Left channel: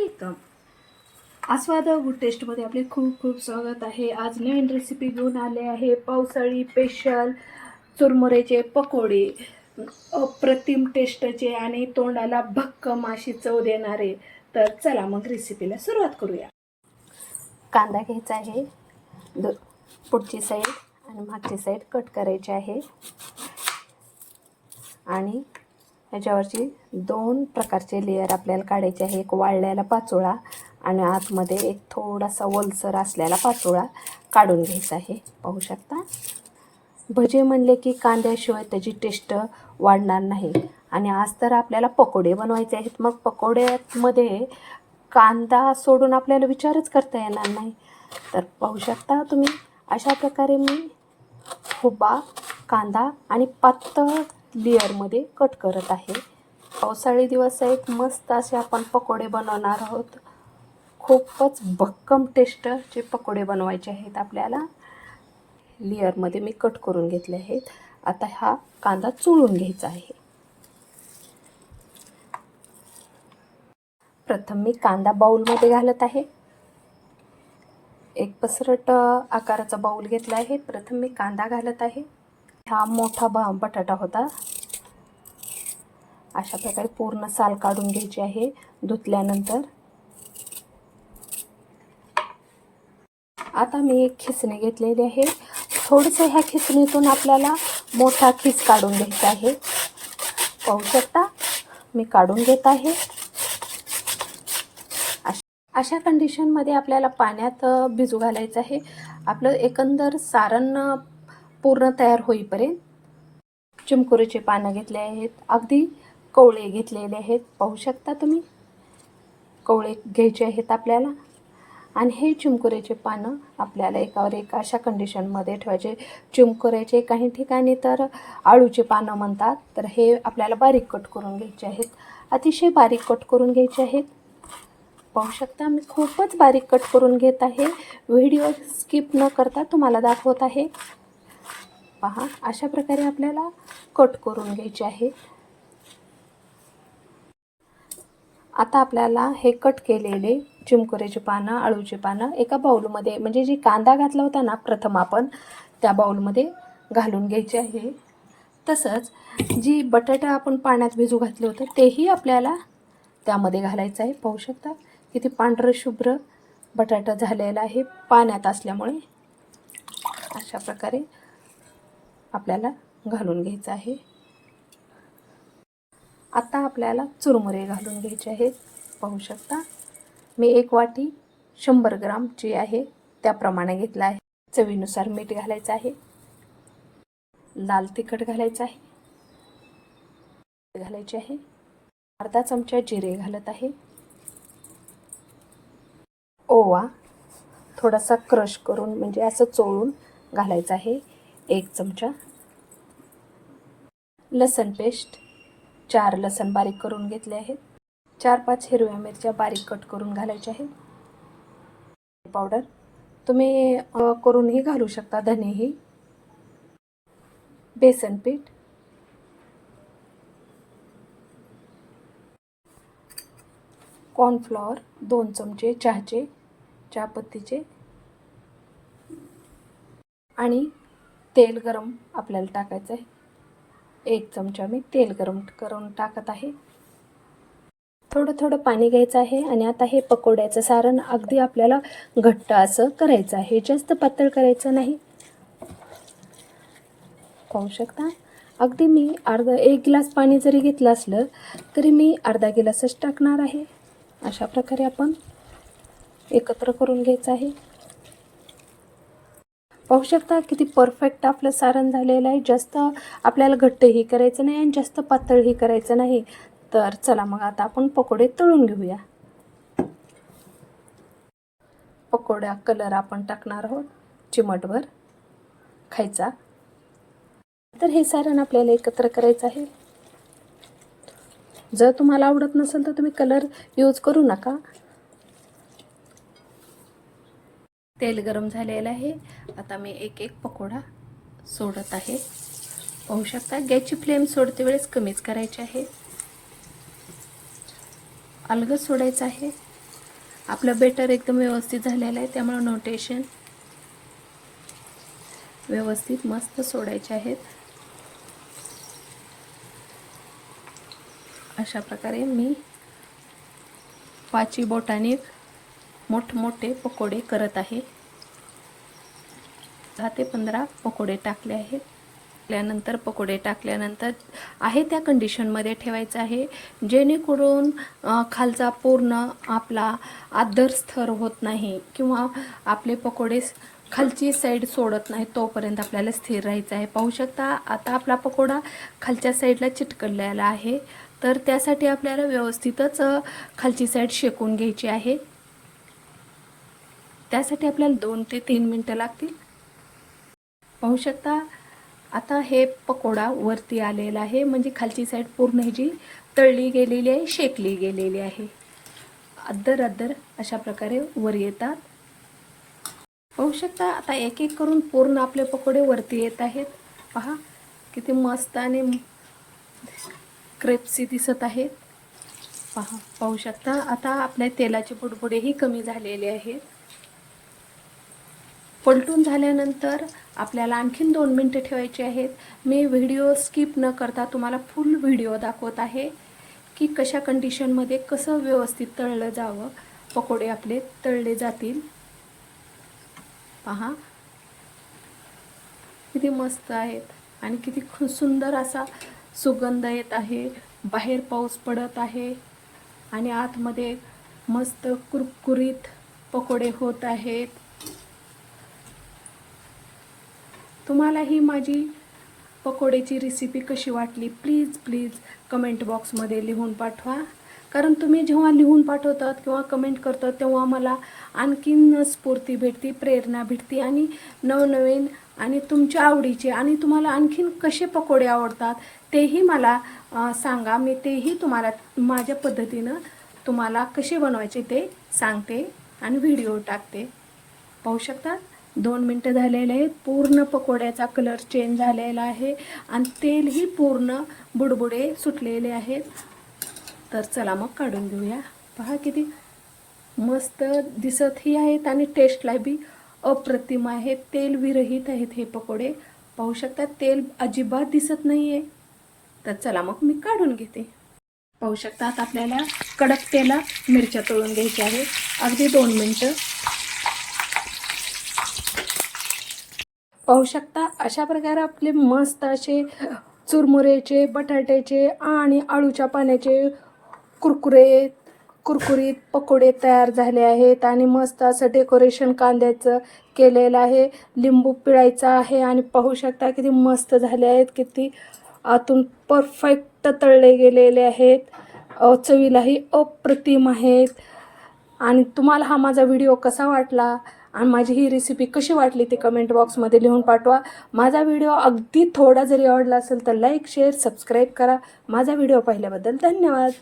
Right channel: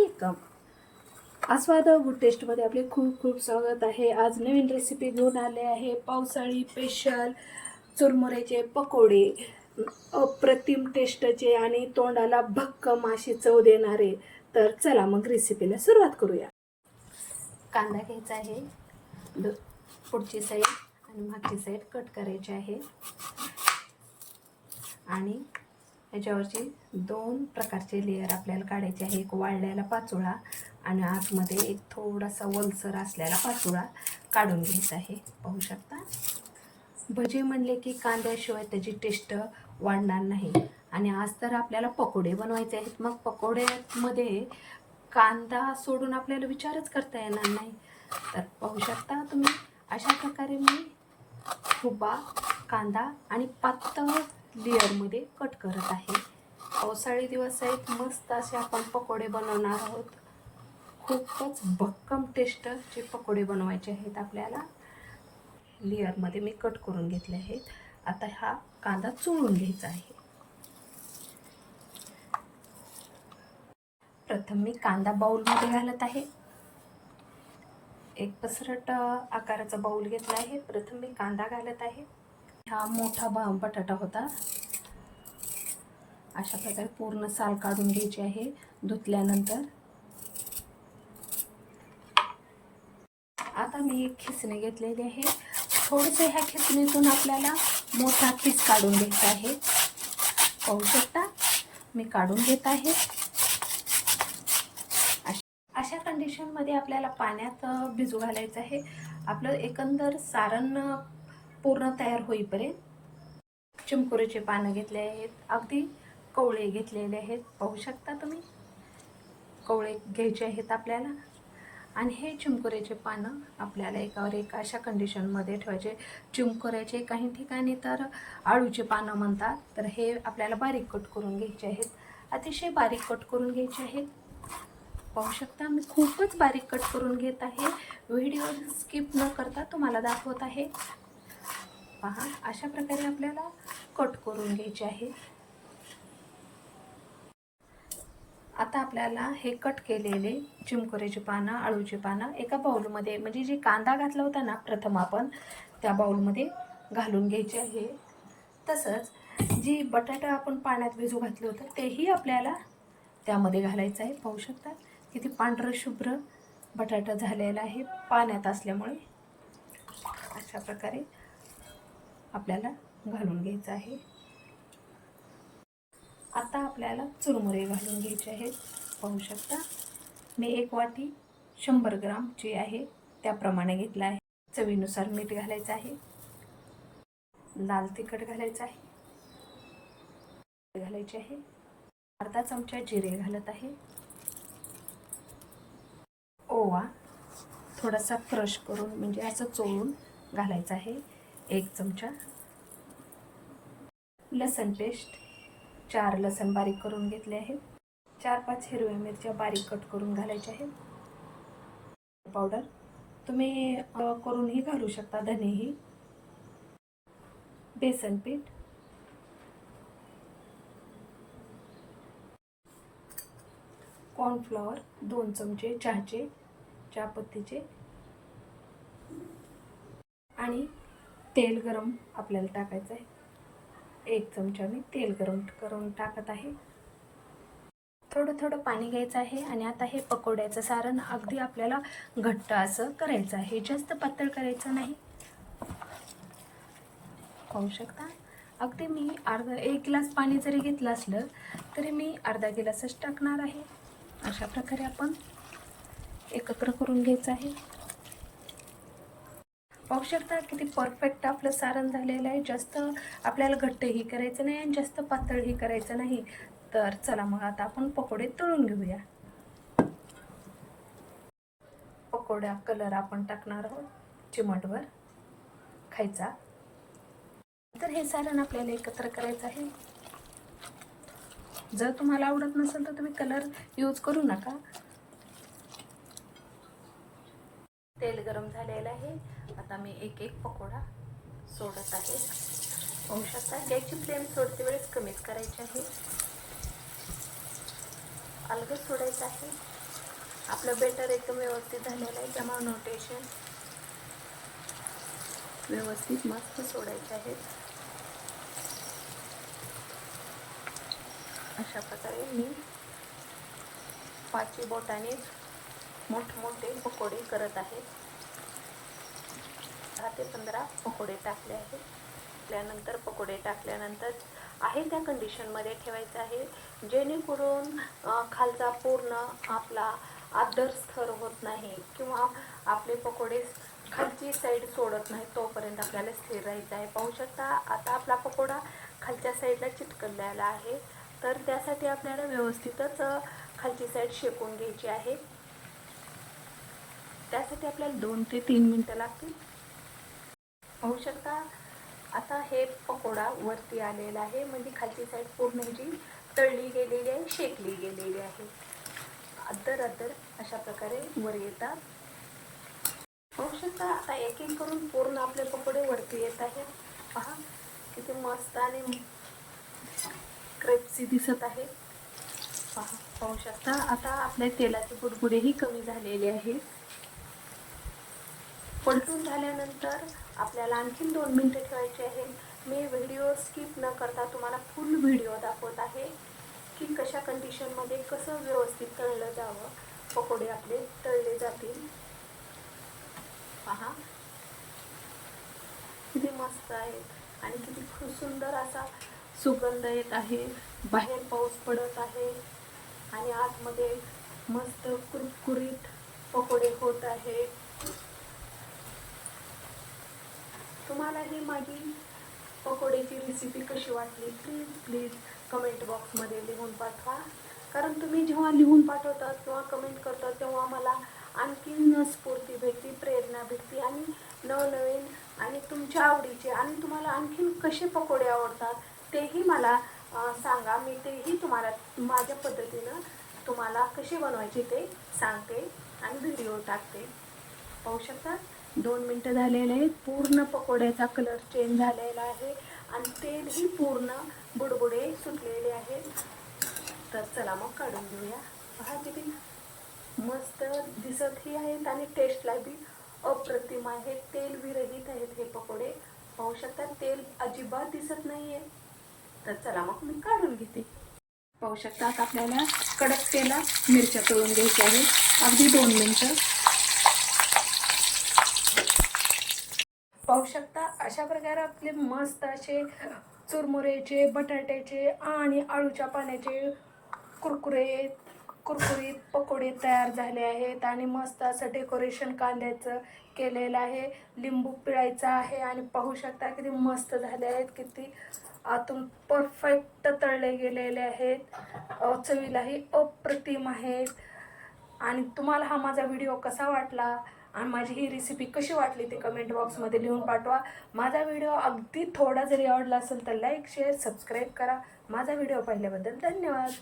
Welcome आस्वाद good टेस्टमध्ये आपले खूप खूप स्वागत आहे. आज नवीन रेसिपी घेऊन आले आहे. पावसाळी स्पेशल चुरमुऱ्याचे पकोडे. अप्रतिम टेस्टचे आणि तोंडाला भक्कम अशी चव देणारे. तर चला मग रेसिपीला सुरुवात करूया. कांदा घ्यायचा आहे. पुढची साईड आणि मागची साईड कट करायची आहे. आणि ह्याच्यावरची दोन प्रकारचे लेयर आपल्याला काढायचे आहे. एक वाळलेला पाचोळा आणि आतमध्ये एक थोडासा वलसर असलेला पाचोळा काढून घ्यायचा आहे. पाहू शकता? भजे म्हणले की कांद्याशिवाय त्याची टेस्ट वाढणार नाही. आणि आज तर आपल्याला पकोडे बनवायचे आहेत. मग पकोड्यामध्ये कांदा सोडून आपल्याला विचारच करता येणार नाही. तर पाहू शकता तुम्ही? अशा प्रकारे मी हुबा कांदा आणि पातळ लेअरमध्ये कट करत आहे. पावसाळी दिवस आहेत मस्त असे आपण पकोडे बनवणार आहोत. खूपच भक्कम टेस्टचे पकोडे बनवायचे आहेत आपल्याला. लेअरमध्ये मी कट करून घेतले आहेत. आता हा कांदा चुळून घ्यायचा आहे. प्रथम मी कांदा बाऊलमध्ये घालत आहे. एक पसरट आकाराचा बाऊल घेतला आहे. प्रथम मी कांदा घालत आहे. हा मोठा भा बटाटा होता. अशा प्रकारे पूर्ण साल काढून घ्यायची आहे धुतल्यानंतर. आता मी एक खिचणी घेतलेली आहे. थोडंसं ह्या खिचणीतून आपल्याला मोठा खिच काढून घ्यायचा आहे. पाहू शकता मी काढून घेत आहे. अशा कंडिशनमध्ये आपल्याला पाण्यात भिजू घालायचं आहे. आपलं एकंदर सारण पूर्ण तयार होईपर्यंत चिमकुरीचे पानं घेतले आहेत. अगदी कवळे घेतलेले आहेत. पाहू शकता तुम्ही? कवळे घ्यायचे आहेत आपल्याला. आणि हे चिमकुऱ्याचे पानं आपल्याला एकावर एक अशा कंडिशनमध्ये ठेवायचे. चिमकुऱ्याचे काही ठिकाणी तर आळूचे पानं म्हणतात. तर हे आपल्याला बारीक कट करून घ्यायचे आहेत. अतिशय बारीक कट करून घ्यायचे आहेत. पाहू शकता मी खूपच बारीक कट करून घेत आहे. व्हिडिओ स्किप न करता तुम्हाला दाखवत आहे. पहा अशा प्रकारे आपल्याला कट करून घ्यायचे आहे. आता आपल्याला हे कट केलेले चिमकुऱ्याची पानं अळूची पानं एका बाऊलमध्ये म्हणजे जी कांदा घातला होता ना प्रथम आपण त्या बाऊलमध्ये घालून घ्यायचे आहे. तसंच जी बटाटा आपण पाण्यात भिजू घातले होते तेही आपल्याला त्यामध्ये घालायचं आहे. पाहू शकता किती पांढरं शुभ्र बटाटा झालेला आहे पाण्यात असल्यामुळे. अशा प्रकारे आपल्याला घालून घ्यायचं आहे. आता आपल्याला चुरमुरे घालून घ्यायचे आहेत. पाहू शकता. मी एक वाटी शंभर ग्राम जी आहे त्याप्रमाणे घेतला आहे. चवीनुसार मीठ घालायचं आहे. लाल तिखट घालायचं आहे. घालायचे आहे. अर्धा चमचा जिरे घालत आहे. ओवा थोडासा क्रश करून म्हणजे असं चोळून घालायचं आहे. एक चमचा. लसण पेस्ट चार लसण बारीक करून घेतले आहेत. चार पाच हिरव्या मिरच्या बारीक कट करून घालायच्या आहेत. पावडर तुम्ही करूनही घालू शकता धनेही. बेसन पीठ. कॉर्नफ्लॉवर दोन चमचे चहाचे चहापत्तीचे. आणि तेल गरम आपल्याला टाकायचं आहे. एक चमचा मी तेल गरम करून टाकत आहे. थोडं थोडं पाणी घ्यायचं आहे आणि आता हे पकोड्याचं सारण अगदी आपल्याला घट्ट असं करायचं आहे. जास्त पातळ करायचं नाही. पाहू शकता? अगदी मी अर्धा एक ग्लास पाणी जरी घेतलं असलं तरी मी अर्धा गिलासच टाकणार आहे. अशा प्रकारे आपण एकत्र करून घ्यायचं आहे. पाहू शकता किती परफेक्ट आपलं सारण झालेलं आहे. जास्त आपल्याला घट्टही करायचं नाही आणि जास्त पातळही करायचं नाही. तर चला मग आता आपण पकोडे तळून घेऊया. पकोड्या कलर आपण टाकणार आहोत. चिमटभर. खायचा. तर हे सारण आपल्याला एकत्र करायचं आहे. जर तुम्हाला आवडत नसेल तर तुम्ही कलर यूज करू नका. तेल गरम झालेलं आहे. आता मी एक एक पकोडा सोडत आहे. पाहू शकता गॅसची फ्लेम सोडते वेळेस कमीच करायची आहे. अलगद सोडायचं आहे. आपलं बेटर एकदम व्यवस्थित झालेलं आहे त्यामुळे नोटेशन व्यवस्थित मस्त सोडायचे आहेत. अशा प्रकारे मी पाची बोटाने मोठमोठे पकोडे करत आहे. दहा ते पंधरा पकोडे टाकले आहेत टाकल्यानंतर पकोडे टाकल्यानंतर आहे त्या कंडिशनमध्ये ठेवायचं आहे जेणेकरून खालचा पूर्ण आपला आदर स्तर होत नाही किंवा आपले पकोडे खालची साईड सोडत नाही तोपर्यंत आपल्याला स्थिर राहायचं आहे. पाहू शकता आता आपला पकोडा खालच्या साईडला चिटकलेला आहे. तर त्यासाठी आपल्याला व्यवस्थितच खालची साईड शेकून घ्यायची आहे. त्यासाठी आपल्याला दोन ते तीन मिनटं लागतील. पाहू शकता आता हे पकोडा वरती आलेला आहे. म्हणजे खालची साईड पूर्ण जी तळली गेलेली आहे शेकली गेलेली आहे. अद्दर अद्दर अशा प्रकारे वर येतात. पाहू शकता आता एक एक करून पूर्ण आपले पकोडे वरती येत आहेत. पहा किती मस्त आणि क्रेप्सी दिसत आहेत. पहा पाहू शकता आता आपल्या तेलाचे बुडबुडेही कमी झालेले आहेत. पलटून झाल्यानंतर आपल्याला आणखीन दोन मिनटं ठेवायची आहेत. मी व्हिडिओ स्किप न करता तुम्हाला फुल व्हिडिओ दाखवत आहे की कशा कंडिशनमध्ये कसं व्यवस्थित तळलं जावं. पकोडे आपले तळले जातील. पहा. किती मस्त आहेत. आणि किती खूप सुंदर असा सुगंध येत आहे. बाहेर पाऊस पडत आहे. आणि आतमध्ये मस्त कुरकुरीत पकोडे होत आहेत. तुम्हाला ही माझी पकोड्याची रेसिपी कशी वाटली? प्लीज प्लीज कमेंट बॉक्समध्ये लिहून पाठवा. कारण तुम्ही जेव्हा लिहून पाठवतात किंवा कमेंट करतात तेव्हा मला आणखीन स्फूर्ती भेटते प्रेरणा भेटते आणि नवनवीन आणि तुमच्या आवडीचे आणि तुम्हाला आणखीन कसे पकोडे आवडतात तेही मला सांगा. मी तेही तुम्हाला माझ्या पद्धतीनं तुम्हाला कसे बनवायचे ते सांगते आणि व्हिडिओ टाकते. पाहू शकतात दोन मिनटं झालेले आहेत. पूर्ण पकोड्याचा कलर चेंज झालेला आहे. आणि तेलही पूर्ण बुडबुडे सुटलेले आहेत. तर चला मग काढून घेऊया. पहा किती मस्त दिसतही आहेत आणि टेस्टला बी अप्रतिम आहेत तेल विरहित आहेत हे पकोडे. पाहू शकता तेल अजिबात दिसत नाही आहे तर चला मग मी काढून घेते. पाहू शकता आपल्याला कडक तेला मिरच्या तळून घ्यायच्या आहेत. अगदी दोन मिनटं. पाहू शकता अशा प्रकारे आपले मस्त असे चुरमुरेचे बटाट्याचे आणि आळूच्या पाण्याचे कुरकुरे कुरकुरीत पकोडे तयार झाले आहेत आणि मस्त असं डेकोरेशन कांद्याचं केलेलं आहे. लिंबू पिळायचा आहे आणि पाहू शकता किती मस्त झाले आहेत किती आतून परफेक्ट तळले गेलेले आहेत. चवीलाही अप्रतिम आहेत. आणि तुम्हाला हा माझा व्हिडिओ कसा वाटला? आणि माझी ही रेसिपी कशी वाटली ते कमेंट बॉक्समध्ये लिहून पाठवा. माझा व्हिडिओ अगदी थोडा जरी आवडला असेल तर लाईक शेअर सबस्क्राईब करा. माझा व्हिडिओ पाहिल्याबद्दल धन्यवाद.